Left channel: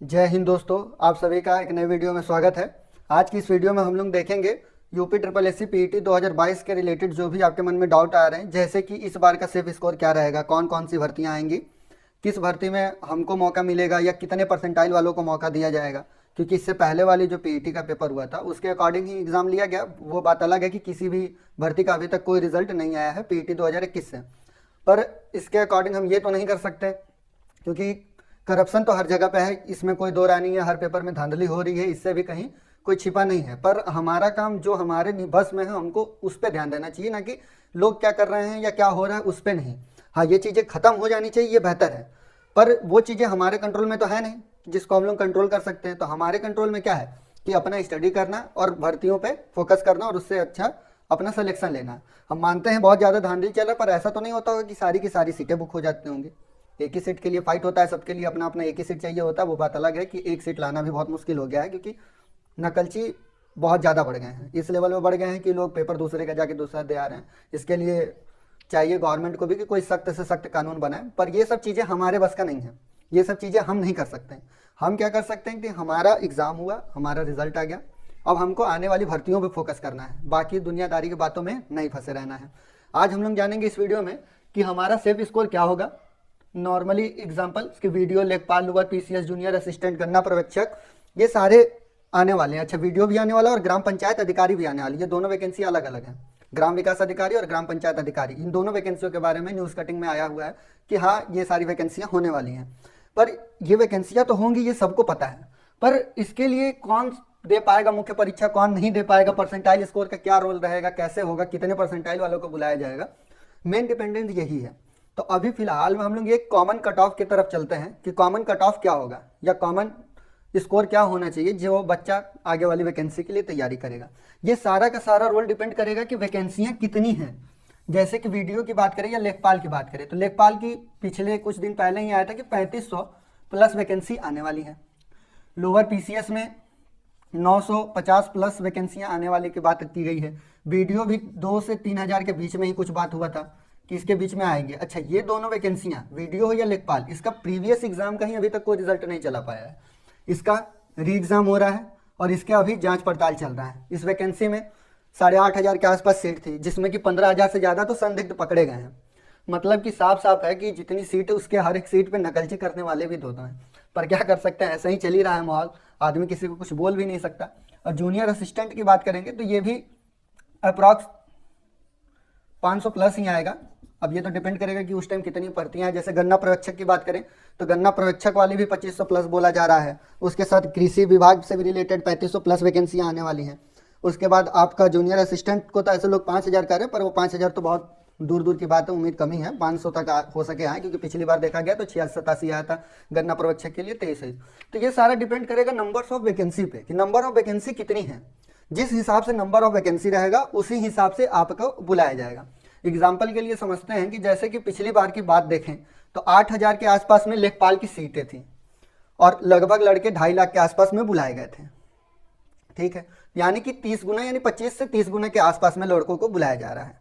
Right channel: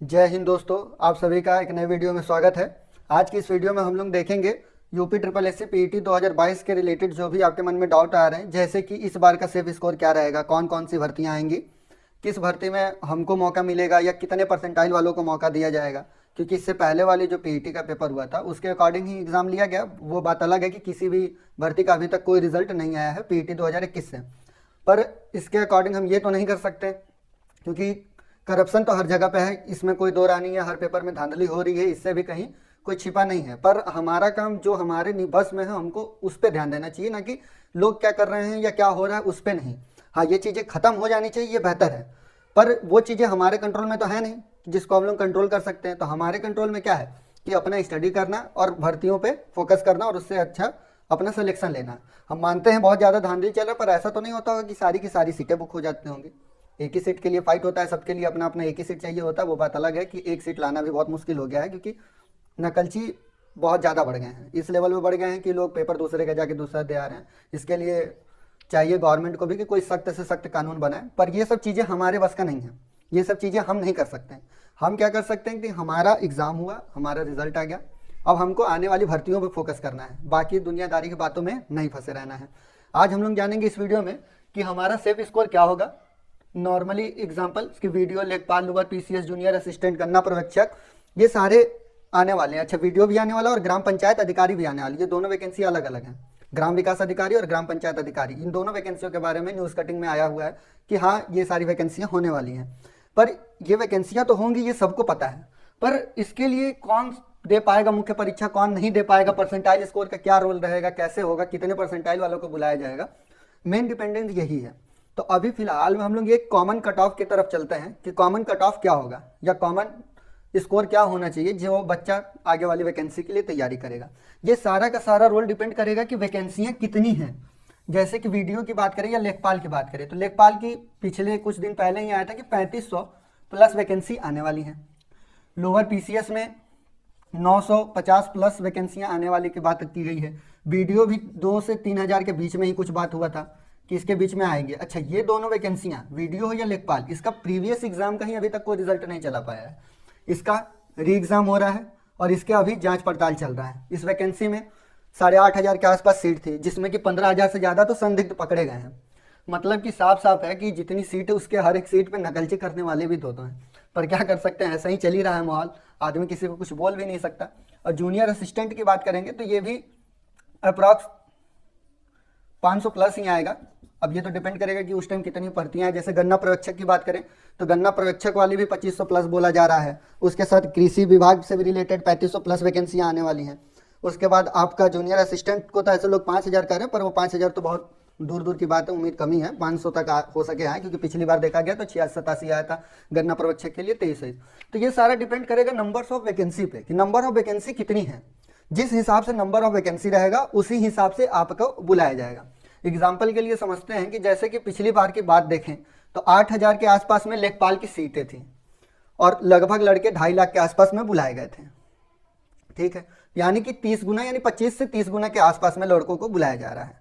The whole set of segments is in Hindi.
जय हिंद दोस्तों, आप सभी का एक नए वीडियो में स्वागत है। आज की इस वीडियो में हम लोग देखेंगे UP triple S C PET 2022 के रिलेटेड जो भी आपके मन में डाउट आ रहे हैं, जैसे कि इस बार का सेफ स्कोर क्या रहेगा, कौन कौन सी भर्तियां आएंगी, किस भर्ती में हमको मौका मिलेगा या कितने परसेंटाइल वालों को मौका दिया जाएगा। क्योंकि इससे पहले वाली जो पीईटी का पेपर हुआ था उसके अकॉर्डिंग ही एग्ज़ाम लिया गया। वो बात अलग है कि किसी भी भर्ती का अभी तक कोई रिजल्ट नहीं आया है पीईटी 2021 से। पर इसके अकॉर्डिंग हम ये तो नहीं कर सकते क्योंकि करप्शन तो हर जगह पे है, इसमें कोई दो राय नहीं है। हर पेपर में धांधली हो रही है, इससे भी कहीं कोई छिपा नहीं है। पर हमारा काम जो हमारे निबस में है हमको उस पर ध्यान देना चाहिए, ना कि लोग क्या कर रहे हैं या क्या हो रहा है उस पर नहीं। हाँ, ये चीज़ें खत्म हो जानी चाहिए, ये बेहतर है। पर वो चीज़ें हमारे कंट्रोल में तो है नहीं जिसको हम लोग कंट्रोल कर सकते हैं। तो हमारे कंट्रोल में क्या है कि अपना स्टडी करना और भर्तियों पे फोकस करना और उससे अच्छा अपना सिलेक्शन लेना। हम मानते हैं बहुत ज़्यादा धांधली चल रहा है, पर ऐसा तो नहीं होता होगा कि सारी की सारी सीटें बुक हो जाती होंगी। एक ही सीट के लिए फाइट होता है, सबके लिए अपना अपना एक ही सीट चाहिए होता है। वो बात अलग है कि एक सीट लाना भी बहुत मुश्किल हो गया है क्योंकि नकलची बहुत ज़्यादा बढ़ गए हैं, इस लेवल में बढ़ गए हैं कि लोग पेपर दूसरे का जाके दूसरा दे आ रहे हैं। इसके लिए चाहिए गवर्नमेंट को भी कि कोई सख्त से सख्त कानून बनाए। पर ये सब चीज़ें हमारे बस का नहीं है, ये सब चीज़ें हम नहीं कर सकते। हम क्या कर सकते हैं कि हमारा एग्ज़ाम हुआ, हमारा रिजल्ट आ गया, अब हमको आने वाली भर्तियों पर फोकस करना है, बाकी दुनियादारी की बातों में नहीं फंसे रहना है। आज हम लोग जानेंगे इस वीडियो में कि हमारा सेफ स्कोर क्या होगा। नॉर्मली एग्जाम्पल की वीडियो, लेखपाल, लोअर पीसीएस, जूनियर असिस्टेंट, गन्ना पर्यवेक्षक, ये सारे आने वाले हैं। अच्छा, वीडियो भी आने वाला और ग्राम पंचायत अधिकारी भी आने वाली है। ये दोनों वैकेंसी अलग अलग हैं, ग्राम विकास अधिकारी और ग्राम पंचायत अधिकारी। इन दोनों वैकेंसियों के बारे में न्यूज़ कटिंग में आया हुआ है कि हाँ, ये सारी वैकेंसियाँ होने वाली हैं। पर ये वैकेंसियाँ तो होंगी, ये सबको पता है। पर इसके लिए कौन दे पाएगा मुख्य परीक्षा, कौन नहीं दे पाएगा, परसेंटाइल स्कोर का क्या रोल रहेगा, कैसे होगा, कितने परसेंटाइल वालों को बुलाया जाएगा, मेन डिपेंडेंट यही है। तो अभी फिलहाल में हम लोग ये कॉमन कट ऑफ की तरफ चलते हैं कि कॉमन कट ऑफ क्या होगा या कॉमन स्कोर क्या होना चाहिए जो बच्चा आगे वाली वैकेंसी के लिए तैयारी करेगा। ये सारा का सारा रोल डिपेंड करेगा कि वैकेंसियाँ कितनी हैं। जैसे कि वीडियो की बात करें या लेखपाल की बात करें, तो लेखपाल की पिछले कुछ दिन पहले ही आया था कि 3500 प्लस वैकेंसी आने वाली है। लोअर पीसीएस में 950 प्लस वैकेंसियां आने वाली की बात की गई है। वीडियो भी 2 से 3 हज़ार के बीच में ही कुछ बात हुआ था कि इसके बीच में आएंगे। अच्छा, ये दोनों वैकेंसियां, वीडियो हो या लेखपाल, इसका प्रीवियस एग्जाम का ही अभी तक कोई रिजल्ट नहीं चला पाया है। इसका री एग्ज़ाम हो रहा है और इसके अभी जांच पड़ताल चल रहा है। इस वैकेंसी में 8,500 के आसपास सीट थी, जिसमें कि 15,000 से ज़्यादा तो संदिग्ध पकड़े गए हैं। मतलब कि साफ साफ है कि जितनी सीट है उसके हर एक सीट पे नकलची करने वाले भी दो हैं। पर क्या कर सकते हैं, ऐसा ही चल ही रहा है माहौल, आदमी किसी को कुछ बोल भी नहीं सकता। और जूनियर असिस्टेंट की बात करेंगे तो ये भी अप्रॉक्स 500 प्लस ही आएगा। अब ये तो डिपेंड करेगा कि उस टाइम कितनी भर्तियां हैं। जैसे गन्ना पर्यवेक्षक की बात करें तो गन्ना पर्यवेक्षक वाली भी 2500 प्लस बोला जा रहा है। उसके साथ कृषि विभाग से भी रिलेटेड 3500 प्लस वैकेंसियां आने वाली हैं। उसके बाद आपका जूनियर असिस्टेंट को तो ऐसे लोग 5000 कह रहे हैं, पर वो 5000 तो बहुत दूर दूर की बात है, उम्मीद कमी है 500 तक हो सके आए, क्योंकि पिछली बार देखा गया तो 86-87 आया था गन्ना पर्यवेक्षक के लिए 23। तो ये सारा डिपेंड करेगा नंबर्स ऑफ वैकेंसी पे कि नंबर ऑफ वैकेंसी कितनी है। जिस हिसाब से नंबर ऑफ वैकेंसी रहेगा उसी हिसाब से आपको बुलाया जाएगा। एग्जाम्पल के लिए समझते हैं कि जैसे कि पिछली बार की बात देखें तो 8,000 के आसपास में लेखपाल की सीटें थी और लगभग लड़के 2.5 लाख के आसपास में बुलाए गए थे। ठीक है, यानी कि 30 गुना, यानी 25 से 30 गुना के आसपास में लड़कों को बुलाया जा रहा है।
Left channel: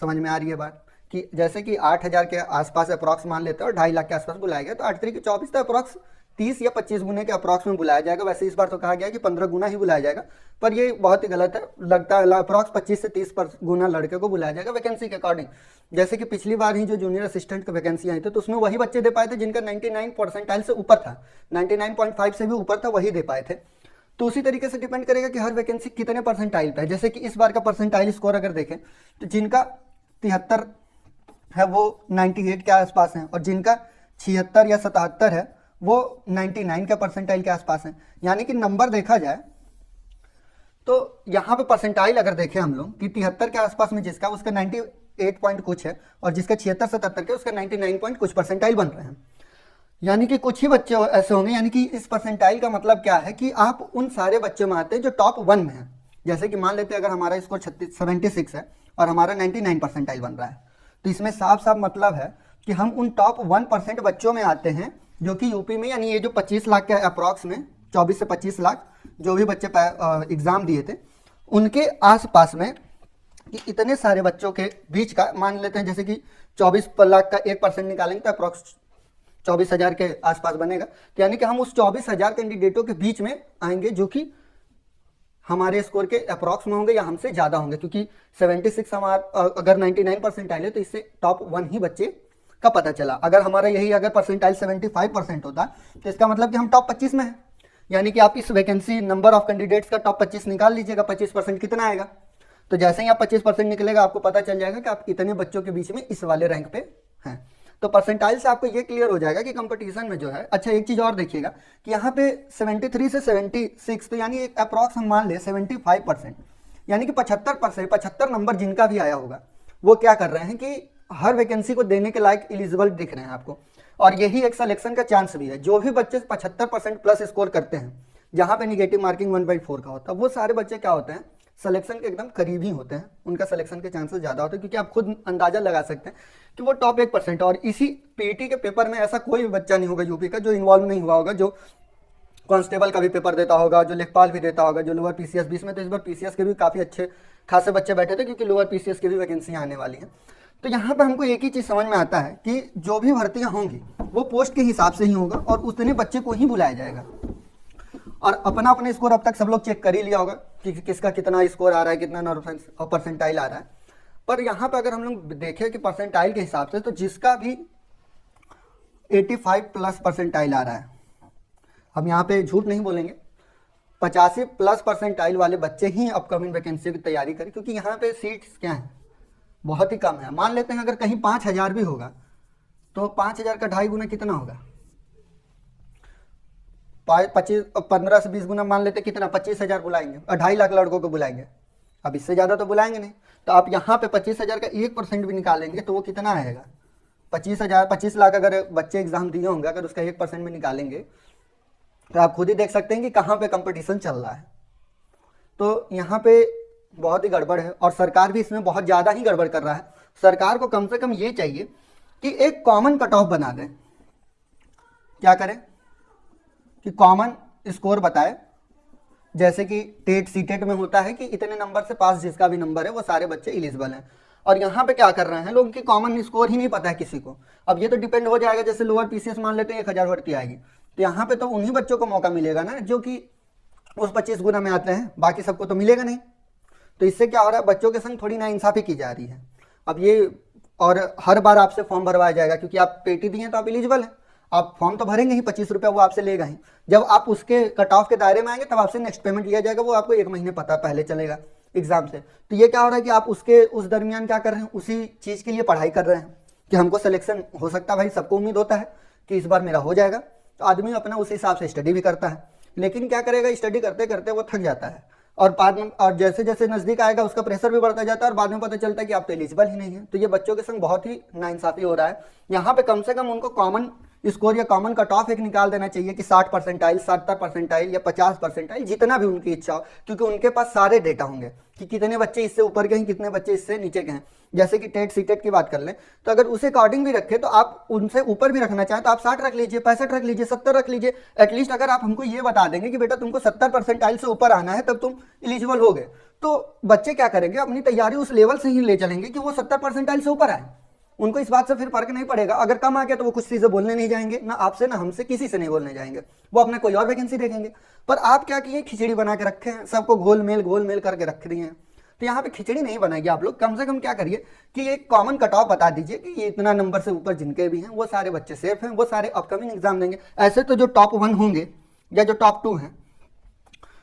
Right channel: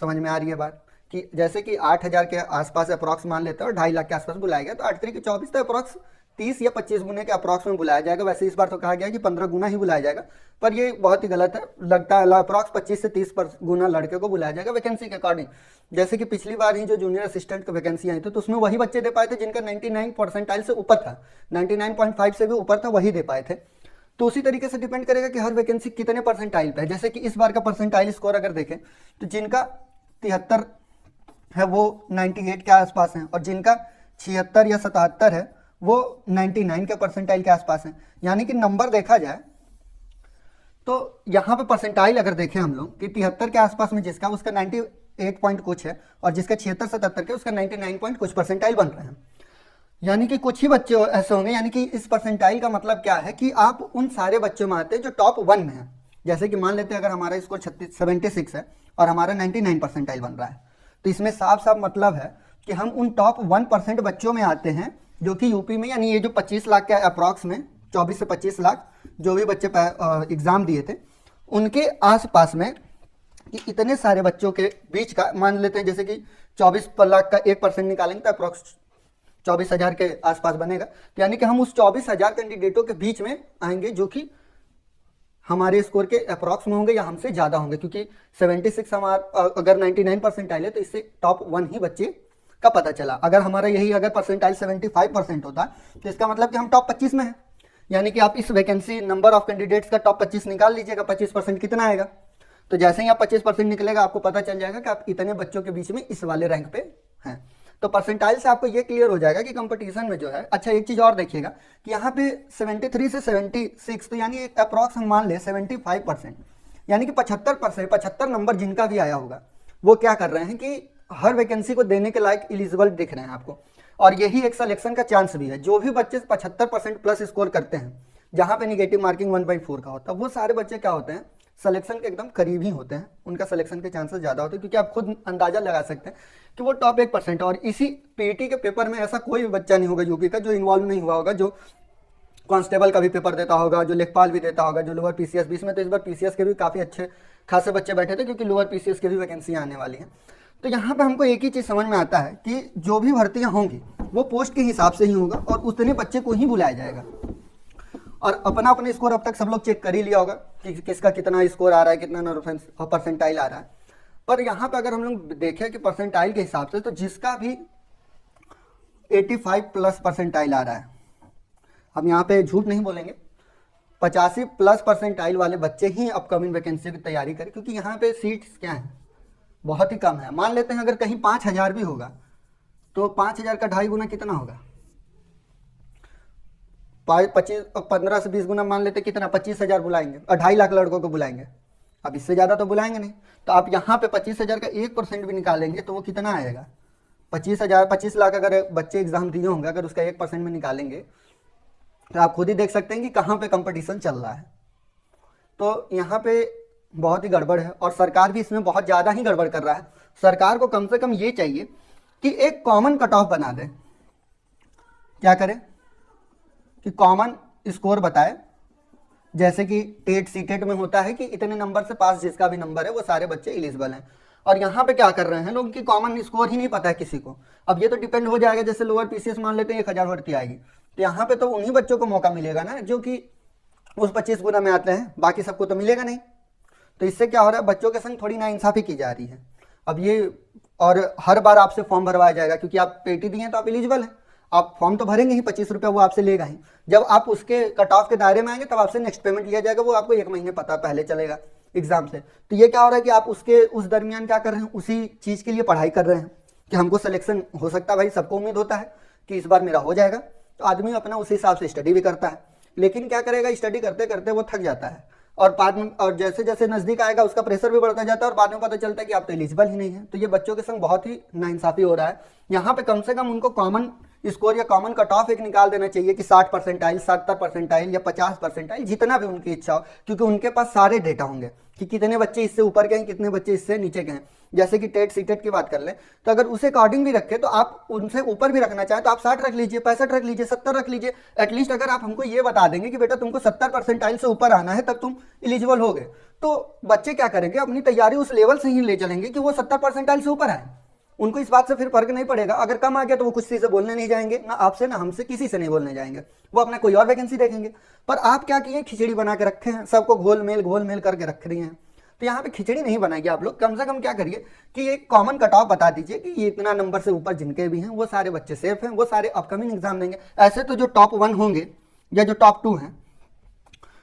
समझ में आ रही है बात कि जैसे कि 8,000 के आसपास अप्रॉक्स मान लेते हैं और 2.5 लाख के आसपास बुलाया गया, तो 8 3 24 तक अप्रॉक्स 30 या 25 गुने के अप्रॉक्स में बुलाया जाएगा। वैसे इस बार तो कहा गया कि 15 गुना ही बुलाया जाएगा, पर ये बहुत ही गलत है। लगता है अप्रॉक्स 25 से 30 गुना लड़के को बुलाया जाएगा वैकेंसी के अकॉर्डिंग। जैसे कि पिछली बार ही जो जूनियर असिस्टेंट की वैकेंसी आई थी तो उसमें वही बच्चे दे पाए थे जिनका 99 परसेंटाइल से ऊपर था, 99.5 से भी ऊपर था, वही दे पाए थे। तो उसी तरीके से डिपेंड करेगा कि हर वैकेंसी कितने परसेंटाइल पे है। जैसे कि इस बार का परसेंटाइल स्कोर अगर देखें तो जिनका 73 है वो 98 के आसपास हैं और जिनका 76 या 77 है वो 99 के परसेंटाइल के आसपास हैं। यानी कि नंबर देखा जाए तो यहाँ पे परसेंटाइल अगर देखें हम लोग कि 73 के आसपास में जिसका, उसका 98 पॉइंट कुछ है और जिसका 76-77 के उसका 99 पॉइंट कुछ परसेंटाइल बन रहे हैं। यानी कि कुछ ही बच्चे ऐसे होंगे। यानी कि इस परसेंटाइल का मतलब क्या है कि आप उन सारे बच्चों में आते हैं जो टॉप 1 में है। जैसे कि मान लेते हैं अगर हमारा स्कोर 76 है और हमारा 99 परसेंटाइल बन रहा है, तो इसमें साफ साफ मतलब है कि हम उन टॉप 1% बच्चों में आते हैं जो कि यूपी में, यानी ये जो 25 लाख के अप्रॉक्स में 24 से 25 लाख जो भी बच्चे एग्ज़ाम दिए थे उनके आसपास में, कि इतने सारे बच्चों के बीच का मान लेते हैं। जैसे कि 24 लाख का 1% निकालेंगे तो अप्रॉक्स 24,000 के आसपास बनेगा। तो यानी कि हम उस 24,000 कैंडिडेटों के बीच में आएंगे जो कि हमारे स्कोर के अप्रॉक्स में होंगे या हमसे ज़्यादा होंगे, क्योंकि 76 हमारा अगर 99 परसेंटाइल है तो इससे टॉप 1 ही बच्चे का पता चला। अगर हमारा यही अगर परसेंटाइल 75% होता तो इसका मतलब कि हम टॉप 25 में हैं। यानी कि आप इस वैकेंसी नंबर ऑफ कैंडिडेट्स का टॉप 25 निकाल लीजिएगा, 25% कितना आएगा। तो जैसे ही आप 25% निकलेगा आपको पता चल जाएगा कि आप इतने बच्चों के बीच में इस वाले रैंक पे हैं। तो परसेंटाइल से आपको ये क्लियर हो जाएगा कि कंपटीशन में जो है। अच्छा एक चीज़ और देखिएगा कि यहाँ पे 73 से 76 तो यानी एक अप्रॉक्स हम मान लें 75%, यानी कि 75 नंबर जिनका भी आया होगा वो क्या कर रहे हैं कि हर वैकेंसी को देने के लायक एलिजिबल दिख रहे हैं आपको। और यही एक सिलेक्शन का चांस भी है। जो भी बच्चे 75% प्लस स्कोर करते हैं, जहाँ पे निगेटिव मार्किंग 1.4 का होता है, वो सारे बच्चे क्या होते हैं, सिलेक्शन के एकदम करीब ही होते हैं। उनका सिलेक्शन के चांसेस ज़्यादा होते हैं, क्योंकि आप खुद अंदाजा लगा सकते हैं कि वो टॉप 1%। और इसी पीईटी के पेपर में ऐसा कोई भी बच्चा नहीं होगा यूपी का जो इन्वॉल्व नहीं हुआ होगा, जो कांस्टेबल का भी पेपर देता होगा, जो लेखपाल भी देता होगा, जो लोअर पीसीएस। बीच में तो इस बार पीसीएस के भी काफ़ी अच्छे खासे बच्चे बैठे थे, क्योंकि लोअर पीसीएस की भी वैकेंसी आने वाली है। तो यहाँ पर हमको एक ही चीज़ समझ में आता है कि जो भी भर्तियाँ होंगी वो पोस्ट के हिसाब से ही होगा और उतने बच्चे को ही बुलाया जाएगा। और अपना अपना स्कोर अब तक सब लोग चेक कर ही लिया होगा कि किसका कितना स्कोर आ रहा है, कितना परसेंटाइल आ रहा है। पर यहाँ पर अगर हम लोग देखें कि परसेंटाइल के हिसाब से, तो जिसका भी 85 प्लस परसेंटाइल आ रहा है, हम यहाँ पे झूठ नहीं बोलेंगे, 85 प्लस परसेंटाइल वाले बच्चे ही अपकमिंग वैकेंसी की तैयारी करें, क्योंकि यहाँ पे सीट्स क्या हैं, बहुत ही कम है। मान लेते हैं अगर कहीं 5,000 भी होगा तो 5,000 का 2.5 गुना कितना होगा, 15 से 20 गुना मान लेते कितना, 25,000 बुलाएंगे और 2.5 लाख लड़कों को बुलाएंगे। अब इससे ज़्यादा तो बुलाएंगे नहीं। तो आप यहाँ पे 25,000 का 1% भी निकालेंगे तो वो कितना आएगा, 25 लाख अगर बच्चे एग्जाम दिए होंगे, अगर उसका 1% भी निकालेंगे तो आप खुद ही देख सकते हैं कि कहाँ पे कंपटीशन चल रहा है। तो यहाँ पे बहुत ही गड़बड़ है और सरकार भी इसमें बहुत ज़्यादा ही गड़बड़ कर रहा है। सरकार को कम से कम ये चाहिए कि एक कॉमन कट ऑफ बना दे। क्या करें कि कॉमन स्कोर बताए, जैसे कि टेट सीटेट में होता है कि इतने नंबर से पास जिसका भी नंबर है वो सारे बच्चे एलिजिबल हैं। और यहाँ पे क्या कर रहे हैं लोग कि कॉमन स्कोर ही नहीं पता है किसी को। अब ये तो डिपेंड हो जाएगा, जैसे लोअर पीसीएस मान लेते हैं 1,000 भर्ती आएगी तो यहाँ पे तो उन्हीं बच्चों को मौका मिलेगा ना जो कि उस 25 गुना में आते हैं, बाकी सबको तो मिलेगा नहीं। तो इससे क्या हो रहा है, बच्चों के संग थोड़ी नाइंसाफ़ी की जा रही है। अब ये और हर बार आपसे फॉर्म भरवाया जाएगा, क्योंकि आप पेटी दिए तो आप एलिजिबल हैं, आप फॉर्म तो भरेंगे ही, 25 रुपया वो आपसे लेगा ही। जब आप उसके कट ऑफ के दायरे में आएंगे तब आपसे नेक्स्ट पेमेंट लिया जाएगा, वो आपको 1 महीने पता पहले चलेगा एग्जाम से। तो ये क्या हो रहा है कि आप उसके उस दरमियान क्या कर रहे हैं, उसी चीज़ के लिए पढ़ाई कर रहे हैं कि हमको सिलेक्शन हो सकता है। भाई सबको उम्मीद होता है कि इस बार मेरा हो जाएगा, तो आदमी अपना उस हिसाब से स्टडी भी करता है। लेकिन क्या करेगा, स्टडी करते करते वो थक जाता है और बाद में, और जैसे जैसे नज़दीक आएगा उसका प्रेशर भी बढ़ता जाता है और बाद में पता चलता है कि आप तो एलिजिबल ही नहीं है। तो ये बच्चों के संग बहुत ही नाइंसाफ़ी हो रहा है। यहाँ पे कम से कम उनको कॉमन स्कोर या कॉमन कट ऑफ एक निकाल देना चाहिए कि 60 परसेंटाइल, 70 परसेंटाइल या 50 परसेंटाइल, जितना भी उनकी इच्छा हो, क्योंकि उनके पास सारे डेटा होंगे कि कितने बच्चे इससे ऊपर के हैं, कितने बच्चे इससे नीचे के हैं। जैसे कि टेट सीटेट की बात कर लें तो अगर उसे अकॉर्डिंग भी रखें तो आप उनसे ऊपर भी रखना चाहें तो आप 60 रख लीजिए, 65 रख लीजिए, 70 रख लीजिए। एटलीस्ट अगर आप हमको ये बता देंगे कि बेटा तुमको 70 परसेंटाइल से ऊपर आना है तब तुम एलिजिबल हो गए, तो बच्चे क्या करेंगे, अपनी तैयारी उस लेवल से ही ले चलेंगे कि वो 70 परसेंटाइल से ऊपर आए। उनको इस बात से फिर फर्क नहीं पड़ेगा। अगर कम आ गया तो वो कुछ चीज़ें बोलने नहीं जाएंगे, ना आपसे ना हमसे, किसी से नहीं बोलने जाएंगे, वो अपना कोई और वैकेंसी देखेंगे। पर आप क्या किए, खिचड़ी बना के रखे हैं, सबको घोल मेल करके रख रही हैं। तो यहाँ पे खिचड़ी नहीं बनाएगी आप लोग। कम से कम क्या करिए कि एक कॉमन कट ऑफ बता दीजिए कि इतना नंबर से ऊपर जिनके भी हैं वो सारे बच्चे सेफ हैं, वो सारे अपकमिंग एग्जाम देंगे। ऐसे तो जो टॉप 1 होंगे या जो टॉप 2 हैं,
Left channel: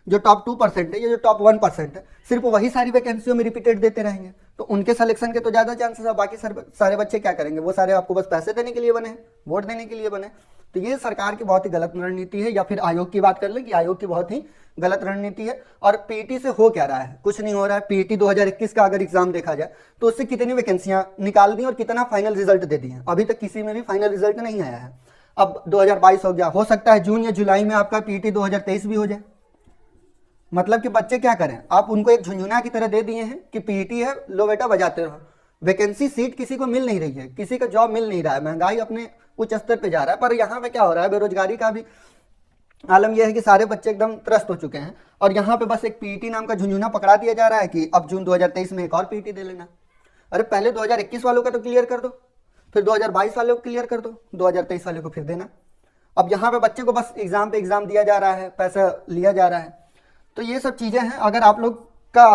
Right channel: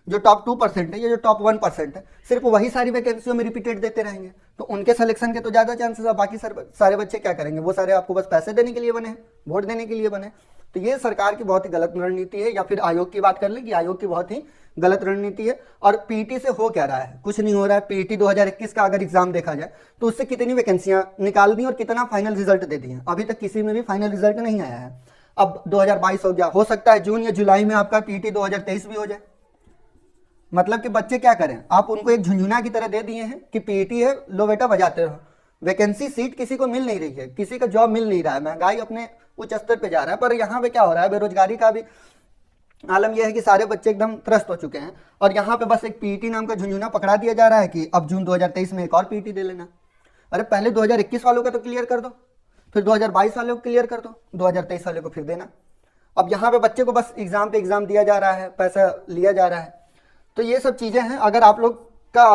जो टॉप 2% है या जो टॉप 1% है, सिर्फ वही सारी वैकेंसियों में रिपीटेड देते रहेंगे, तो उनके सिलेक्शन के तो ज़्यादा चांसेस है। बाकी सारे बच्चे क्या करेंगे, वो सारे आपको बस पैसे देने के लिए बने हैं, वोट देने के लिए बने। तो ये सरकार की बहुत ही गलत रणनीति है। या फिर आयोग की बात कर लें कि आयोग की बहुत ही गलत रणनीति है। और पीईटी से हो क्या रहा है, कुछ नहीं हो रहा है। पीईटी 2021 का अगर एग्जाम देखा जाए तो उससे कितनी वैकेंसियां निकाल दी और कितना फाइनल रिजल्ट दे दिए, अभी तक किसी में भी फाइनल रिजल्ट नहीं आया है। अब 2022 हो गया, हो सकता है जून या जुलाई में आपका पीईटी 2023 भी हो जाए। मतलब कि बच्चे क्या करें, आप उनको एक झुंझुना की तरह दे दिए हैं कि पीईटी है, लो बेटा बजाते रहो। वैकेंसी सीट किसी को मिल नहीं रही है, किसी का जॉब मिल नहीं रहा है, महंगाई अपने उच्च स्तर पे जा रहा है। पर यहाँ पे क्या हो रहा है, बेरोजगारी का भी आलम यह है कि सारे बच्चे एकदम त्रस्त हो चुके हैं और यहाँ पे बस एक पीईटी नाम का झुंझुना पकड़ा दिया जा रहा है कि अब जून 2023 में एक और पीईटी दे लेना। अरे पहले 2021 वालों का तो क्लियर कर दो। फिर 2022 वाले को क्लियर कर दो, 2023 वाले को फिर देना। अब यहाँ पे बच्चे को बस एग्जाम पे एग्जाम दिया जा रहा है, पैसा लिया जा रहा है। तो ये सब चीज़ें हैं। अगर आप लोग का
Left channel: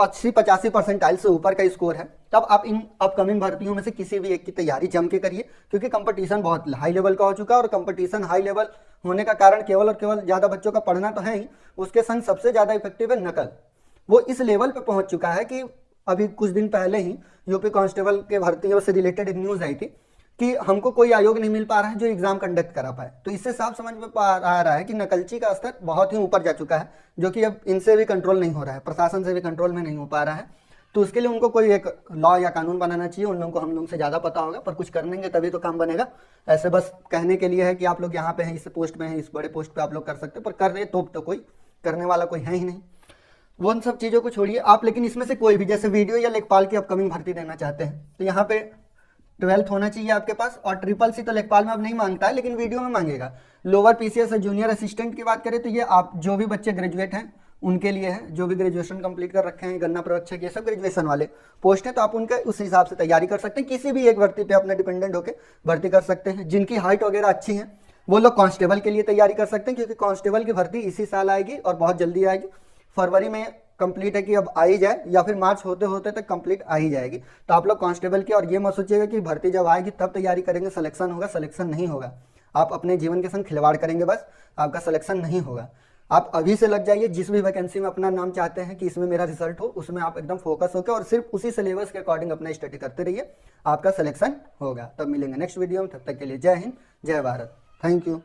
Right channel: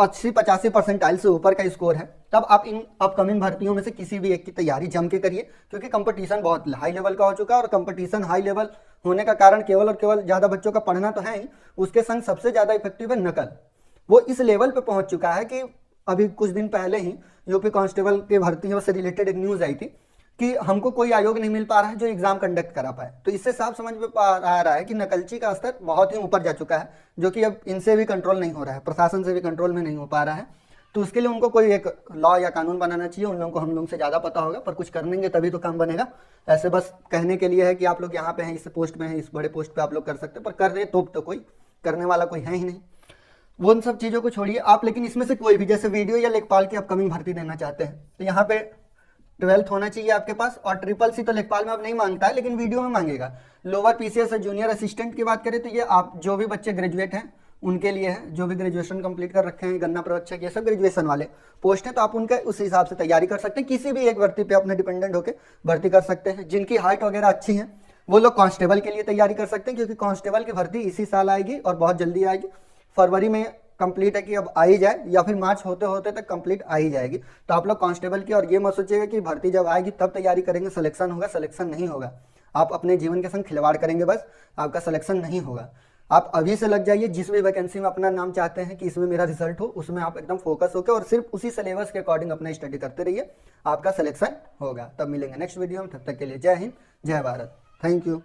80-85 परसेंटाइल से ऊपर का स्कोर है, तब आप इन अपकमिंग भर्तियों में से किसी भी एक की तैयारी जम के करिए, क्योंकि कंपटीशन बहुत हाई लेवल का हो चुका है। और कंपटीशन हाई लेवल होने का कारण केवल और केवल ज़्यादा बच्चों का पढ़ना तो है ही, उसके संग सबसे ज़्यादा इफेक्टिव है नकल। वो इस लेवल पे पहुंच चुका है कि अभी कुछ दिन पहले ही यूपी कांस्टेबल के भर्तियों से रिलेटेड एक न्यूज़ आई थी कि हमको कोई आयोग नहीं मिल पा रहा है जो एग्जाम कंडक्ट करा पाए। तो इससे साफ समझ में आ रहा है कि नकलची का स्तर बहुत ही ऊपर जा चुका है, जो कि अब इनसे भी कंट्रोल नहीं हो रहा है, प्रशासन से भी कंट्रोल में नहीं हो पा रहा है। तो उसके लिए उनको कोई एक लॉ या कानून बनाना चाहिए। उन लोगों को हम लोग से ज़्यादा पता होगा, पर कुछ करेंगे तभी तो काम बनेगा। ऐसे बस कहने के लिए है कि आप लोग यहाँ पे हैं, इस पोस्ट में हैं, इस बड़े पोस्ट पे आप लोग कर सकते हैं, पर कर रहे तो कोई करने वाला कोई है ही नहीं। वो उन सब चीज़ों को छोड़िए आप। लेकिन इसमें से कोई भी, जैसे वीडियो या लेखपाल की अपकमिंग भर्ती देना चाहते हैं, तो यहाँ पे 12th होना चाहिए आपके पास। और SSC तो लेखपाल में अब नहीं मांगता है, लेकिन वीडियो में मांगेगा। लोअर PCS और जूनियर असिस्टेंट की बात करें तो ये आप जो भी बच्चे ग्रेजुएट हैं उनके लिए है, जो भी ग्रेजुएशन कंप्लीट कर रखे हैं, गन्ना प्रवक्षक, ये सब ग्रेजुएशन वाले पोस्ट हैं। तो आप उनके उस हिसाब से तैयारी कर सकते हैं, किसी भी एक भर्ती पे अपने डिपेंडेंट होकर भर्ती कर सकते हैं। जिनकी हाइट वगैरह अच्छी है वो लोग कांस्टेबल के लिए तैयारी कर सकते हैं, क्योंकि कांस्टेबल की भर्ती इसी साल आएगी और बहुत जल्दी आएगी। फरवरी में कंप्लीट है कि अब आ ही जाए, या फिर मार्च होते होते तक कंप्लीट आ ही जाएगी। तो आप लोग कांस्टेबल की, और ये मत सोचिएगा कि भर्ती जब आएगी तब तैयारी करेंगे सिलेक्शन होगा, सिलेक्शन नहीं होगा। आप अपने जीवन के संग खिलवाड़ करेंगे, बस आपका सिलेक्शन नहीं होगा। आप अभी से लग जाइए, जिस भी वैकेंसी में अपना नाम चाहते हैं कि इसमें मेरा रिजल्ट हो, उसमें आप एकदम फोकस होकर और सिर्फ उसी सिलेबस के अकॉर्डिंग अपना स्टडी करते रहिए, आपका सिलेक्शन होगा। तब मिलेंगे नेक्स्ट वीडियो में, तब तक के लिए जय हिंद, जय भारत, थैंक यू।